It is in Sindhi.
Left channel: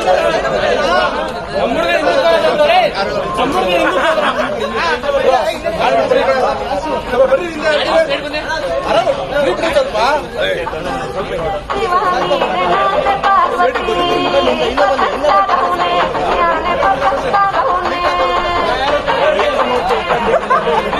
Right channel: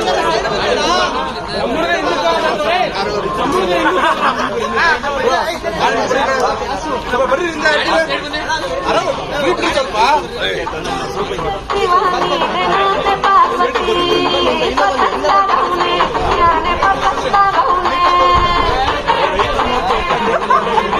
مون